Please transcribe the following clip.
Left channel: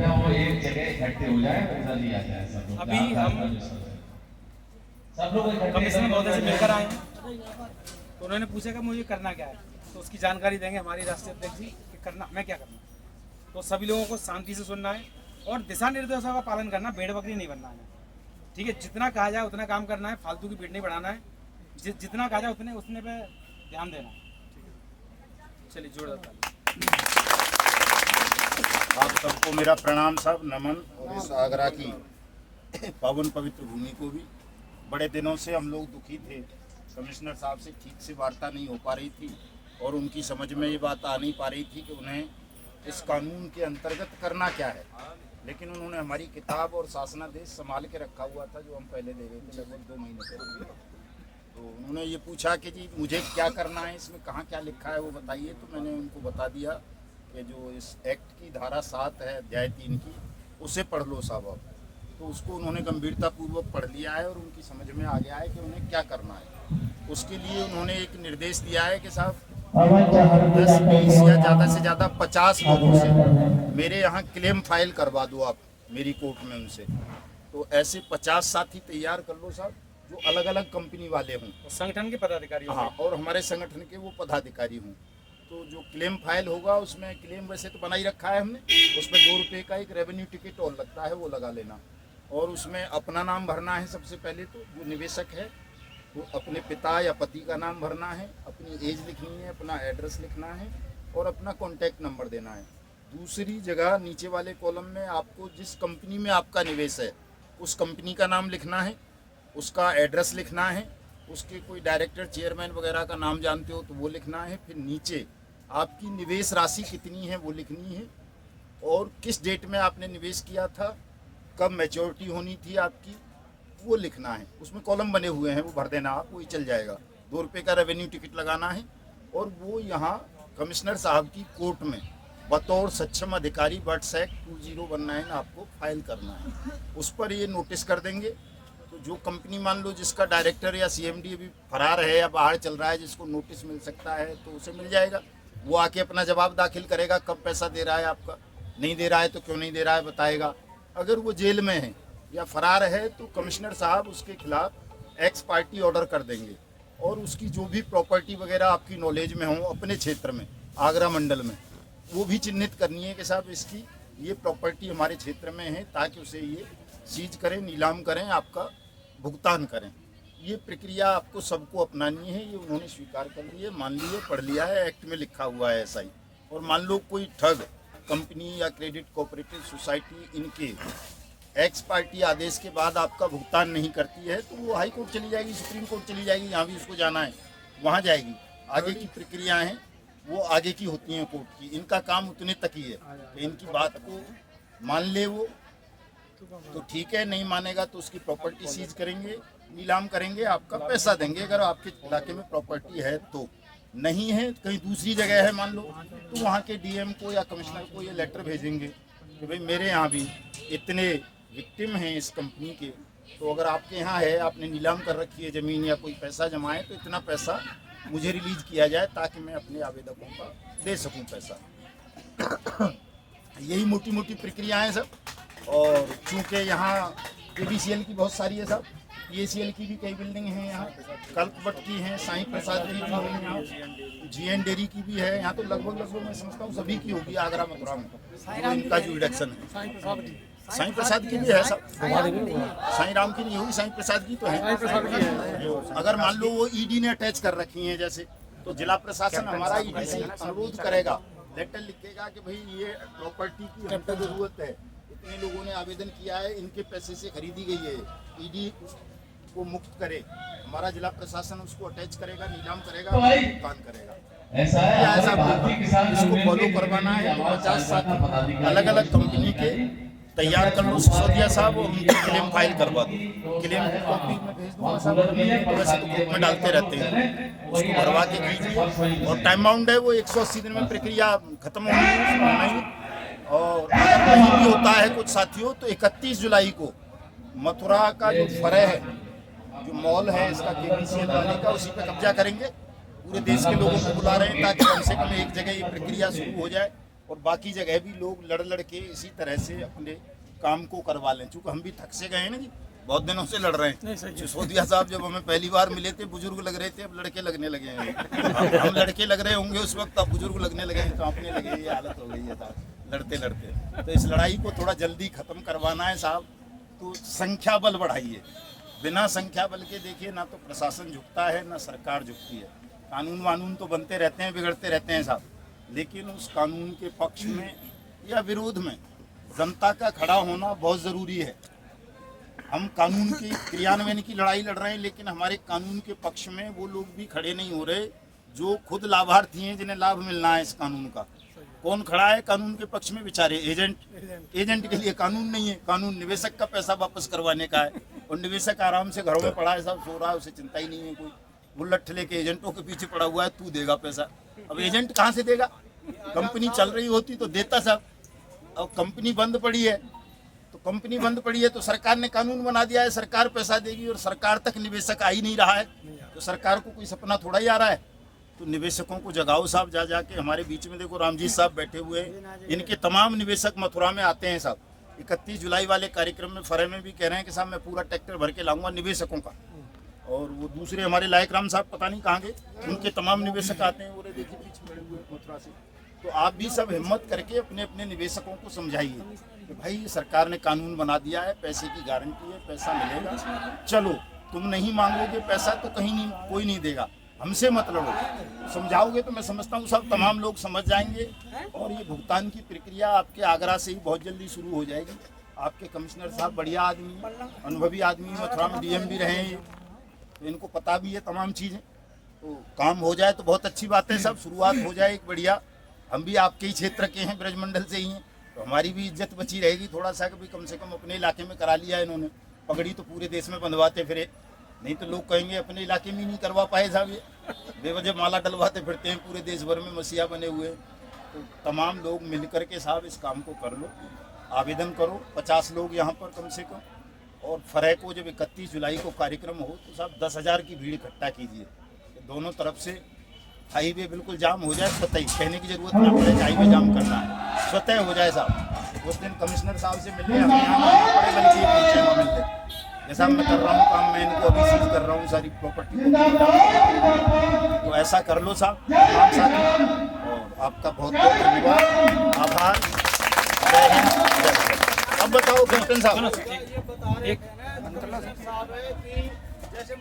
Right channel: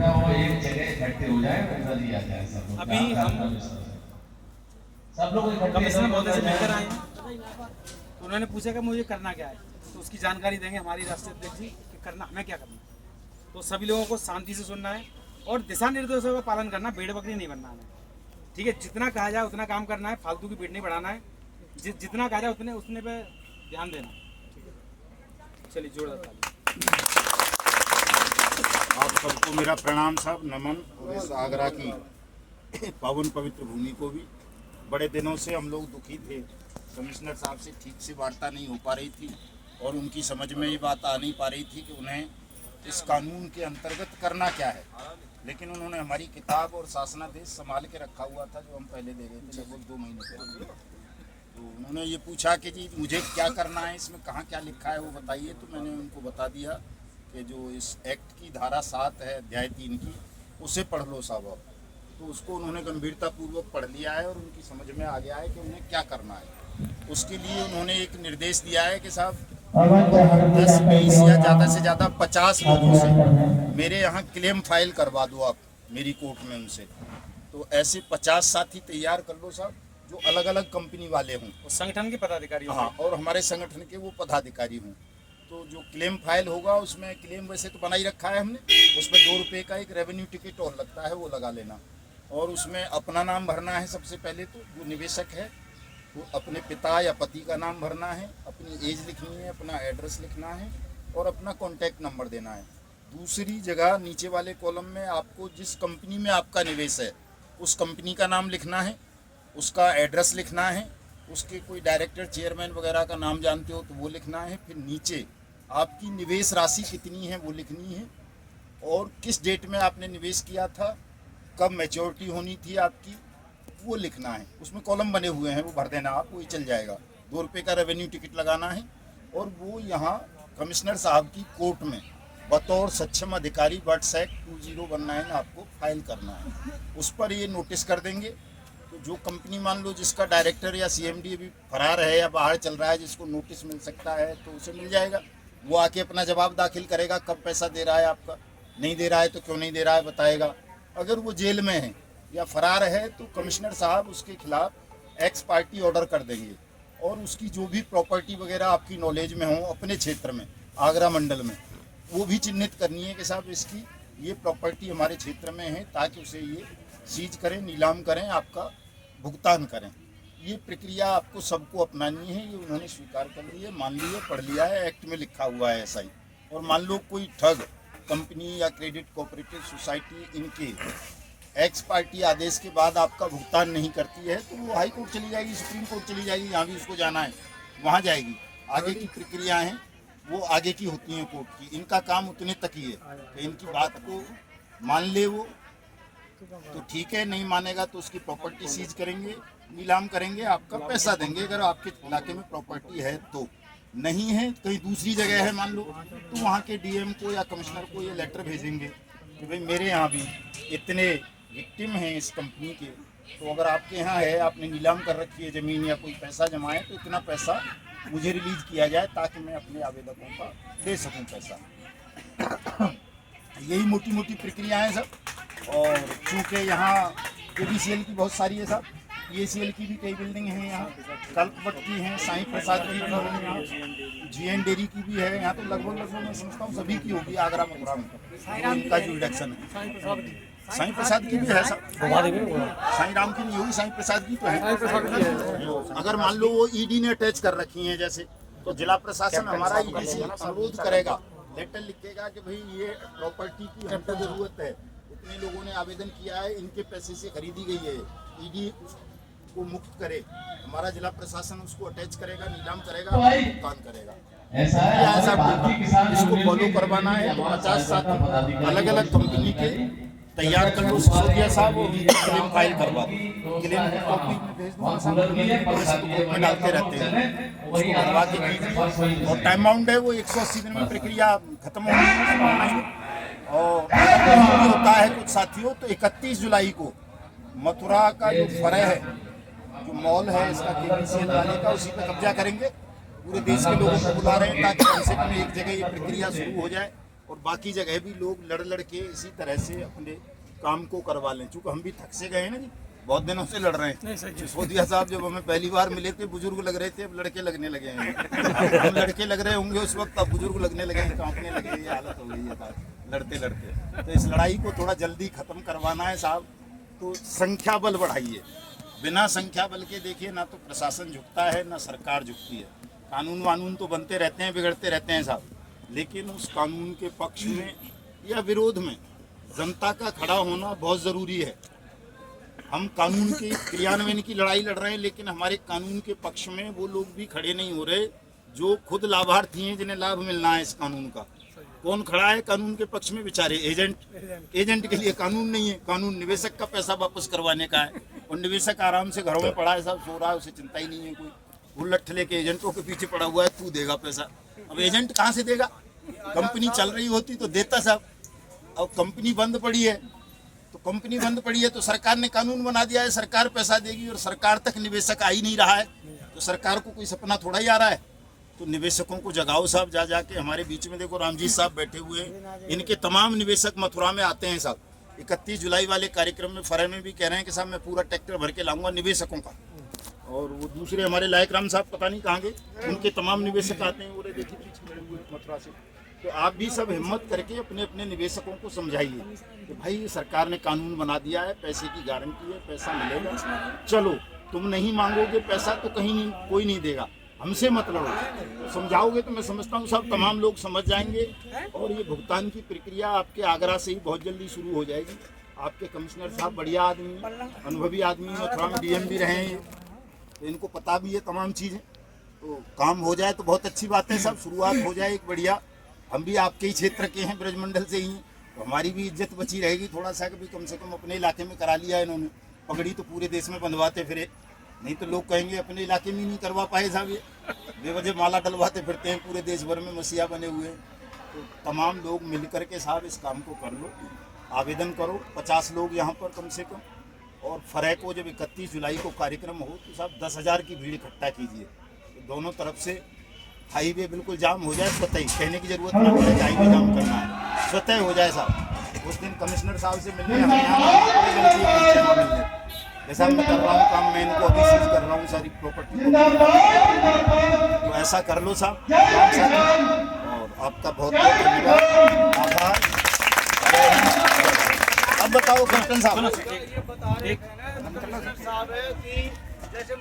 कृपया वो एक जगह इकट्ठे हो जाए, उधर ही आ जाए सब लोग। अभी हम सब लोग इकट्ठे कमिश्नर महोदय से मिलकर आए हैं, तो उन्होंने पूछा कि मुझे करना क्या है, तो उसकी जानकारी देंगे हमारी राष्ट्रीय अध्यक्ष जी कि करना हमें क्या करना है। तो सभी लोगों को शांति से सुनना है और दिशा निर्देशों का पालन करना, भेड़ बकरी नहीं बनना है। ठीक है, जितना कहा जाए उतना काम करना है, फालतू की भीड़ नहीं बढ़ाना है, जितना कहा जाए उतने पे ध्यान देना। ठीक है, चलिए जोरदार। आप सबको मेरा प्रणाम साहब, नमन। और इस आगरा की पावन पवित्र भूमि को भी बड़े दिनों से हम लोग दुखी थे, कमिश्नर साहब से ठीक से वार्ता नहीं हो पा रही थी और उनकी समझ में ये बात आ नहीं पा रही थी कि उन्हें इस कानून के अंतर्गत करना क्या है। लेकिन उन्होंने हमारी किताब और शासनादेश संभाल के रखा हुआ था, जो हम पहले दे रहे थे लगभग 2 महीने पहले। तो उन्होंने ये पूछा कि जी मुझे क्या करना है, इसमें कहाँ क्या लिखा है वो बताइए। तो मैंने उनको बता दिया कि जो इस एक्ट की धारा 7 है अध्याय 3 की, उसे पढ़ लो साहब आप। तो उसको उन्होंने गंभीरतापूर्वक पढ़ लिया है और उनकी समझ में आ गया है कि उन्हें क्या करना है। उसके लिए उन्होंने एक निर्देश दिया है कि साहब 10, 20 या ज़्यादा से ज़्यादा 50 लोगों से मेरे यहाँ क्लेम फाइल करवा दो आप मेरी कोर्ट में उनसे। तो ऐसे 50 साथी तैयार कर लो साहब, जो अलग अलग कंपनी वाले हों, संगठन के पदाधिकारी। हाँ, और हमारे संगठन के वो पदाधिकारी हों। तो जो क्लेम फाइल होगा उसमें क्लेम वैसे तो बना ही रखा है हमने, उसमें 2 रुपये का एक रेवेन्यू टिकट और लगता है, वो लगा लेना। और उसमें अपना नाम भरना है सबसे पहले, तो जो निवेशक है वो अपने पिता या पति का नाम भरना है, अपनी एज लिखनी है, अपना एड्रेस लिखना है और अपना कॉन्टैक्ट नंबर देना है। दूसरी जगह नीचे वाले कॉलम में आपको जिस कंपनी में आपका निवेश है उस कंपनी का नाम लिखना है, उसका एड्रेस लिखना है, उसके कोई डायरेक्टर चेयरमैन वगैरह का नाम जानते हो तो वो लिखना है। फिर नीचे आपकी निवेश राशि कितनी है वो लिखनी है और किस डेट में आपने निवेश किया था, कब मैच्योरिटी होनी थी आपकी, वो लिखना है। उसमें कॉलम बने हुए हैं, वो भर देना आप, वही चल जाएगा। 2 रुपये का रेवेन्यू टिकट लगाना है और वो यहाँ कमिश्नर साहब की कोर्ट में बतौर सक्षम अधिकारी बर्ड्स एक्ट 2019 आपको फाइल करना है। उस पर ये नोटिस कर देंगे। तो जो कंपनी मान लो जिसका डायरेक्टर या सीएमडी अभी फरार है या बाहर चल रहा है, जिसको नोटिस मिल सकता है तो उसे मिल जाएगा। वो आके अपना जवाब दाखिल करेगा, कब पैसा दे रहा है आपका, नहीं दे रहा है तो क्यों नहीं दे रहा है बताएगा। अगर वो जेल में है या फरार है तो कमिश्नर साहब उसके खिलाफ एक्स पार्टी ऑर्डर कर देंगे और उसकी जो भी प्रॉपर्टी वगैरह आपकी नॉलेज में हो अपने क्षेत्र में, आगरा मंडल में, वो भी चिन्हित करनी है कि साहब इसकी ये प्रॉपर्टी हमारे क्षेत्र में है, ताकि उसे ये सीज करें, नीलाम करें, आपका भुगतान करें। ये प्रक्रिया आपको सबको अपनानी है। ये उन्होंने स्वीकार कर ली है, मान ली है, पढ़ लिया है, एक्ट में लिखा हुआ है ऐसा ही। और मान लो कोई ठग कंपनी या क्रेडिट कोऑपरेटिव सोसाइटी इनके एक्स पार्टी आदेश के बाद आपका भुगतान नहीं करती है तो वो हाई कोर्ट चली जाएगी, सुप्रीम कोर्ट चली जाएगी, जहाँ भी उसको जाना है वहाँ जाएगी। आगे की प्रक्रिया हैं वो आगे की होती हैं कोर्ट की। इनका काम उतने तक ही है कि इनकी बात को मान ले वो तो ठीक है, नहीं मानेगा तो उसकी प्रॉपर्टी सीज करेंगे, नीलाम करेंगे, आपका पैसा देंगे अगर आपके इलाके में प्रॉपर्टी है तो। नहीं है, कहीं दूसरी जगह है मान लो, तो वहाँ के डीएम को या कमिश्नर को ये लेटर भेजेंगे कि भाई मेरे यहाँ भी इतने विक्टिम हैं इस कंपनी के, तो अगर आपके यहाँ है, आपने नीलाम कर रखी है ज़मीन या कोई पैसा जमा है, तो इतना पैसा मुझे रिलीज किया जाए ताकि मैं अपने आवेदकों का दे सकूँ पैसा। यही मोटी मोटी प्रक्रिया है सब। और चूँकि यहाँ ABCL की बहुत सारी है साहब, EACL की भी कई बिल्डिंग हैं यहाँ, कल्पवट की हैं, साईं प्रसाद की भी है, GN डेयरी की भी है यहाँ। तो लगभग मैं समझता हूँ सभी की होगी आगरा मथुरा में इनका जो रिडक्शन है। साईं प्रसाद की भी है सर, साईं राम की नहीं होगी, साईं प्रसाद की तो है। अगर मान लो वो ED ने अटैच कर रखी हैं जैसे, तो जिला प्रशासन हमारा ED से अनुरोध करेगा, लेटर लिखेगा कि भाई ये प्रॉपर्टी की हमको जरूरत है, इतने लोगों ने आवेदन किया है, इनके पैसे से खरीदी गई है, ED को मुक्त करे, हमारा जिला प्रशासन उसको अटैच करेगा, नीलाम करेगा, भुगतान करेगा। ऐसा इसको फॉलो करवाना है तो 50 साथी अलग अलग कंपनी के तैयार कर लो सिसोदिया साहब, उनकी क्लेम फाइल करवा दो। क्लेम में डालते रहते हैं, उसको करवा के कीजिए। और टाइम बाउंड है वो 180 दिन में प्रक्रिया खत्म होगी। और भी होता है कुछ साथियों, तो 31 जुलाई को मथुरा का जो फरह है, जो मॉल है इसका KBCL वाले का, उसी पर कब्जा करेंगे। पूरे देश के लोगों को बुला रहे हैं ताकि कम से कम एक जगह ये प्रक्रिया शुरू हो जाए और बाकी जगह भी लोग लड़ लड़ के इसी तरह से अपने काम को करवा लें, चूँकि हम भी थक से गए हैं ना जी, बहुत दिनों से लड़ रहे हैं। सिसोदिया साहब जब हमें पहली बार मिले थे बुजुर्ग लग रहे थे, अब लड़के लगने लगे हैं। हम लड़के लग रहे होंगे उस वक्त, अब बुजुर्ग लगने लगे हैं, कांपने लगे, ये हालत हो गई है साहब लड़ते लड़ते। तो इस लड़ाई को थोड़ा जल्दी खत्म करवाना है साहब, तो संख्या बल बढ़ाइए। बिना संख्या बल के देखिए ना तो प्रशासन झुकता है ना सरकार झुकती है। कानून वानून तो बनते रहते हैं, बिगड़ते रहते हैं साहब, लेकिन उस कानून के पक्ष में या विरोध में जनता का खड़ा होना बहुत ज़रूरी है। हम कानून के क्रियान्वयन की लड़ाई लड़ रहे हैं, लेकिन हमारे कानून के पक्ष में वो लोग भी खड़े नहीं हो रहे जो खुद लाभार्थी हैं, जिन्हें लाभ मिलना है इस कानून का। कौन खड़ा है कानून के पक्ष में? बेचारे एजेंट के लिए कानून नहीं है। कानून निवेशक का पैसा वापस करवाने का है, और निवेशक आराम से घरों में पड़ा है साहब, सो रहा है, उसे चिंता ही नहीं है कोई। वो लठ लेके एजेंटों के पीछे पड़ा हुआ है, तू देगा पैसा। अब एजेंट कहाँ से देगा? कंपनी चल रही होती तो देता साहब। अब कंपनी बंद पड़ी है, तो सरकार ने कानून बना दिया है, सरकार पैसा देगी, और सरकार तक निवेशक आ ही नहीं रहा है, तो सरकार को कोई सपना थोड़ा ही आ रहा है। तो निवेशकों को जगाओ साहब, जा जाके। हमारे बीच में देखो रामजीत साहब बैठे हुए हैं, इनके तमाम निवेशक मथुरा में आते हैं साहब। 31 जुलाई वाले कार्यक्रम में फरह में भी कह रहे हैं कि साहब मैं पूरा ट्रैक्टर भर के लाऊंगा निवेशकों का। और वो दूसरे हमारे लायक राम साहब पता नहीं कहाँ गए, उनके तमाम निवेशक आते हैं, वो देखिए पीछे खड़े हुए मथुरा से। तो आप भी सब हिम्मत करके अपने अपने निवेशकों को समझाइए कि भाई सरकार ने कानून बना दिया है, पैसे की गारंटी है, पैसा मिलेगा। चलो तुम नहीं मांगोगे पैसा तो कहीं नहीं, कोई नहीं देगा, हमसे मत लड़ो। समझाओगे तो मैं समझता हूँ सब तमाम लोग समझ जाएंगे, और ये भुगतान की प्रक्रिया आपके आगरा से ही बहुत जल्दी शुरू हो जाएगी। आपके कमिश्नर साहब बढ़िया आदमी, अनुभवी आदमी, मथुरा में डीएम भी रहे हैं, तो इनको पता भी है तमाम चीज़ें। तो काम हो जाए तो बहुत अच्छी बात है, सब शुरुआत हो जाए एक बढ़िया। हम भी आपके ही क्षेत्र के हैं, ब्रजमंडल से ही हैं, तो हमारी भी इज्जत बची रहेगी थोड़ा सा, कि कम से कम अपने इलाके में करा लिया इन्होंने। पगड़ी तो पूरे देश में बंधवाते फिरे, नहीं तो लोग कहेंगे अपने इलाके में नहीं करवा पाए साहब, ये बेवजह माला डलवाते फिरते हैं, पूरे देश भर में मसीहा बने हुए हैं। तो तमाम लोग मिल कर के साहब इस काम को कर लो, आवेदन करो। 50 लोग यहाँ पर कम से कम, और फरह को जब 31 जुलाई को कार्यक्रम हो तो साहब 10,000 की भीड़ इकट्ठा कीजिए। तो दोनों तरफ से हाईवे बिल्कुल जाम हो जाए, स्वतः ही, कहने की जरूरत ना पड़े कि हाईवे जाम करना है, स्वतः हो जाए साहब। उस दिन कमिश्नर साहब से मिलने हम यहाँ मिलने, जैसा मैं कर रहा हूँ काम, मैं इनको अभी सीज कर रहा हूँ सारी प्रॉपर्टी, तो ऐसा कर लो साहब। और आपका बहुत बहुत धन्यवाद, आभार। अब बताओ कैप्टन साहब। ये बता रहे हैं साहब है कि जैसे